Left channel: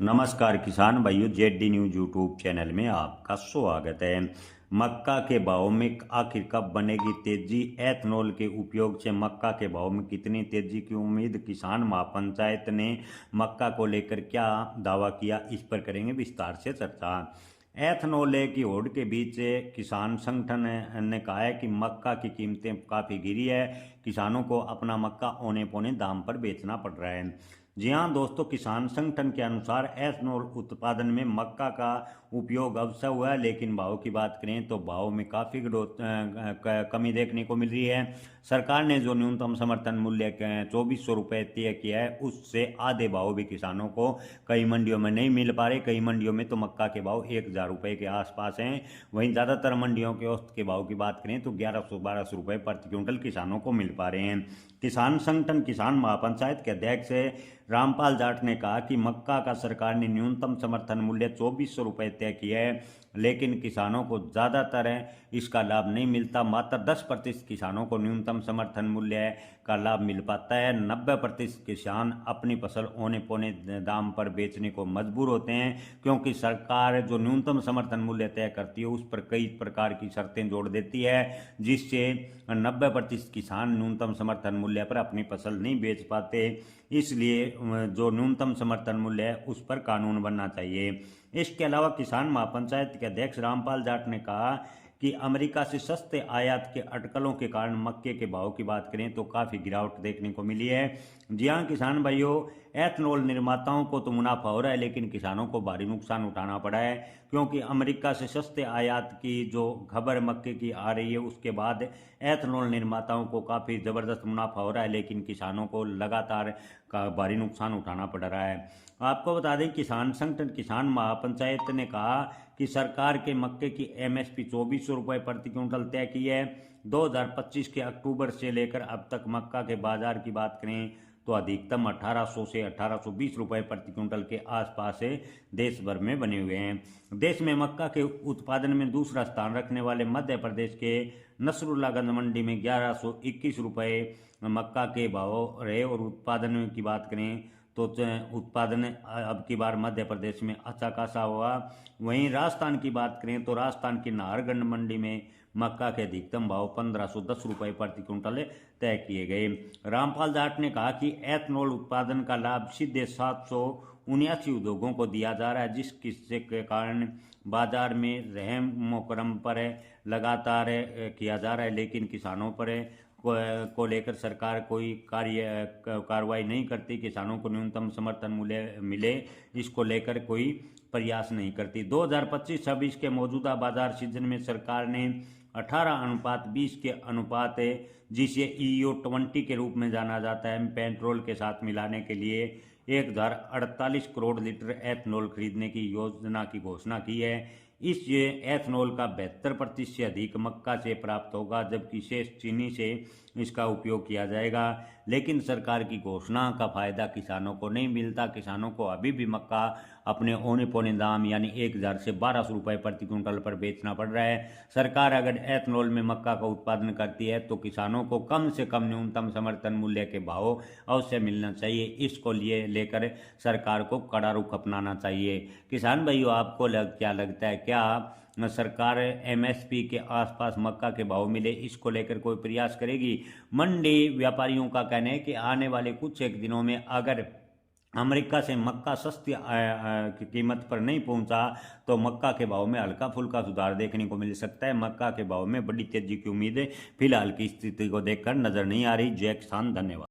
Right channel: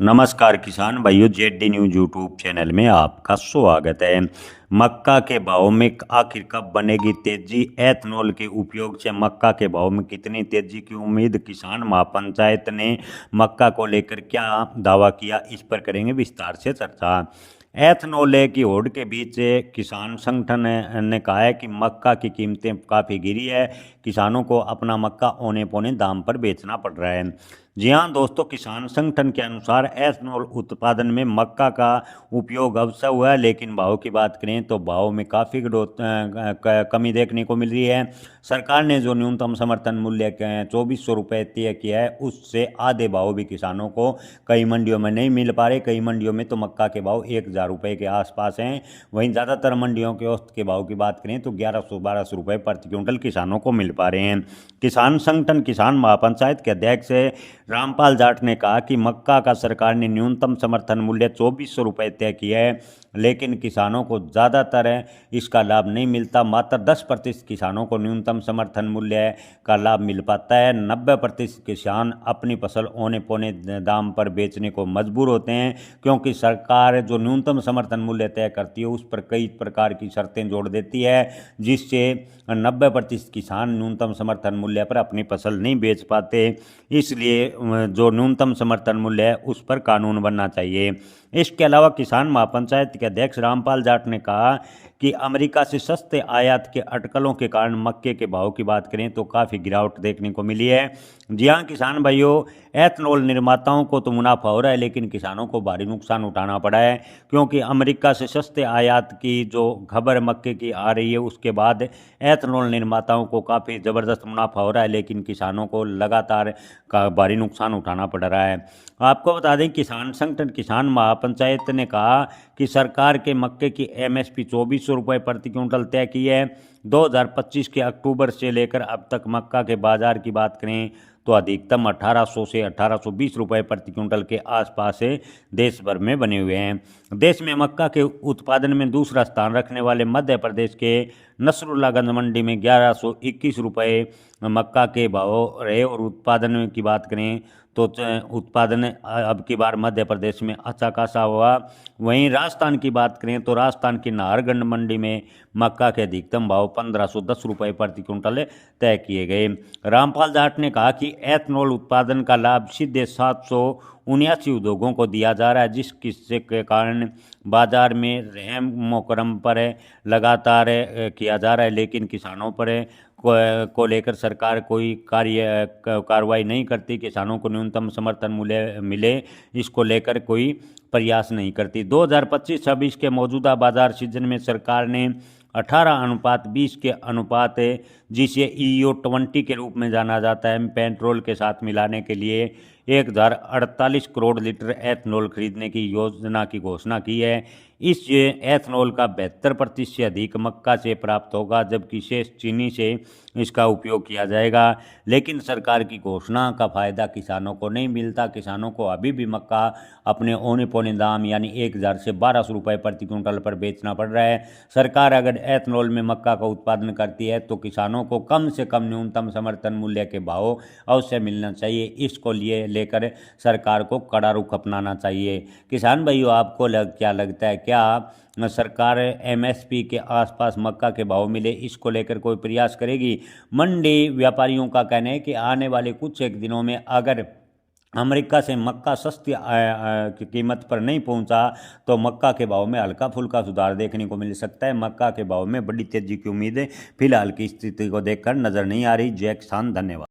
नमस्कार किसान भाइयों, जेड न्यूज यूट्यूब चैनल में आपका स्वागत है। मक्का के भाव में आखिर कब बनेगी तेजी? एथनॉल के उपयोग से मक्का के भाव में कितनी तेजी की उम्मीद? किसान महापंचायत ने मक्का को लेकर क्या दावा किया, इस पर करेंगे विस्तार से चर्चा। एथनॉल की होड़ के बीच किसान संगठन ने कहा है कि मक्का की कीमतें काफ़ी गिरी है। किसानों को अपना मक्का औने पौने दाम पर बेचना पड़ रहा है। जी हाँ दोस्तों, किसान संगठन के अनुसार एथनॉल उत्पादन में मक्का का उपयोग अवश्य हुआ है, लेकिन भाव की बात करें तो भाव में काफ़ी कमी देखने को मिल रही है। सरकार ने जो न्यूनतम समर्थन मूल्य 2400 रुपये तय किया है, उससे आधे भाव भी किसानों को कई मंडियों में नहीं मिल पा रहे। कई मंडियों में तो मक्का के भाव 1000 रुपये के आसपास हैं। वहीं ज़्यादातर मंडियों के औसत के भाव की बात करें तो 1100-1200 रुपये प्रति क्विंटल किसानों को मिल पा रहे हैं। किसान संगठन किसान महापंचायत के अध्यक्ष रामपाल जाट ने कहा कि मक्का का सरकार ने न्यूनतम समर्थन मूल्य 2400 रुपये तय किया है, लेकिन किसानों को ज़्यादातर इसका लाभ नहीं मिलता। मात्र 10% किसानों को न्यूनतम समर्थन मूल्य का लाभ मिल पाता है। 90% किसान अपनी फसल औने पौने दाम पर बेचने को मजबूर होते हैं, क्योंकि सरकार जो न्यूनतम समर्थन मूल्य तय करती है उस पर कई प्रकार की शर्तें जोड़ देती है, जिससे 90% किसान न्यूनतम समर्थन मूल्य पर अपनी फसल नहीं बेच पाते। इसलिए जो न्यूनतम समर्थन मूल्य है उस पर कानून बनना चाहिए। इसके अलावा किसान महापंचायत के अध्यक्ष रामपाल जाट ने कहा कि अमेरिका से सस्ते आयात के अटकलों के कारण मक्के के भाव की बात करें तो काफ़ी गिरावट देखने को मिली है। जी हाँ किसान भाइयों, एथनॉल निर्माताओं को तो मुनाफा हो रहा है, लेकिन किसानों को भारी नुकसान उठाना पड़ा है, क्योंकि अमेरिका से सस्ते आयात की जो खबर मक्के की आ रही है उसके बाद एथनॉल निर्माताओं को काफ़ी ज़बरदस्त मुनाफा हो रहा है, लेकिन किसानों को लगातार का भारी नुकसान उठाना पड़ रहा है। आपको बता दें, किसान संगठन किसान महापंचायत ने कहा कि सरकार के मक्के की एमएसपी 2400 रुपये प्रति क्विंटल तय की है। 2025 के अक्टूबर से लेकर अब तक मक्का के बाजार की बात करें तो अधिकतम 1800 से 1820 रुपये प्रति क्विंटल के आसपास से देश भर में बने हुए हैं। देश में मक्का के उत्पादन में दूसरा स्थान रखने वाले मध्य प्रदेश के नसरुल्लागंज मंडी में 1121 रुपये मक्का के भाव रहे। और उत्पादन की बात करें तो उत्पादन अब की बार मध्य प्रदेश में अच्छा खासा हुआ। वहीं राजस्थान की बात करें तो राजस्थान की नाहरगढ़ मंडी में मक्का के अधिकतम भाव 1510 रुपये प्रति क्विंटल तय किए गए। रामपाल जाट ने कहा कि एथनॉल उत्पादन का लाभ सीधे 779 उद्योगों को दिया जा रहा है, जिसके के कारण बाजार में रहम मोकरम पर लगातार किया जा रहा है, लेकिन किसानों पर को लेकर सरकार कोई कार्रवाई नहीं करती। किसानों को न्यूनतम समर्थन मूल्य मिले, इसको लेकर कोई प्रयास नहीं करती। 2025-26 के मौजूदा बाजार सीजन में सरकार ने 18:20 के अनुपात, जिसे EO20 के रूप में जाना जाता है, पेट्रोल के साथ मिलाने के लिए 1048 करोड़ लीटर एथनॉल खरीदने की योजना की घोषणा की है। इस एथनॉल का 72% से अधिक मक्का से प्राप्त होगा, जबकि शेष चीनी से इसका उपयोग किया जाएगा। लेकिन सरकार की घोषणा का फायदा किसानों को नहीं मिलता। किसानों को अभी भी मक्का अपने औने पौने दाम यानी 1000 से 1200 रुपये प्रति क्विंटल पर बेचना पड़ रहा है। सरकार अगर एथनॉल में मक्का का उत्पादन करती है तो किसानों को कम से कम न्यूनतम समर्थन मूल्य के भाव अवश्य मिलना चाहिए। इसको लेकर सरकार को कड़ा रुख अपनाना चाहिए। किसान भाइयों, आपको क्या लगता है, क्या सरकार MSP के आसपास मक्का के भाव मिले, इसको लेकर कोई प्रयास करेगी? मंडी व्यापारियों का कहना है कि आने वाले कुछ एक दिनों में अगर अमेरिका से मक्का सस्ती की कीमत पर नहीं पहुंचा तो मक्का के भाव में हल्का फुल्का सुधार देखने को मिल सकता है। मक्का के भाव में बड़ी तेजी की उम्मीद फिलहाल की स्थिति को देखकर नजर नहीं आ रही। जय किसान, धन्यवाद।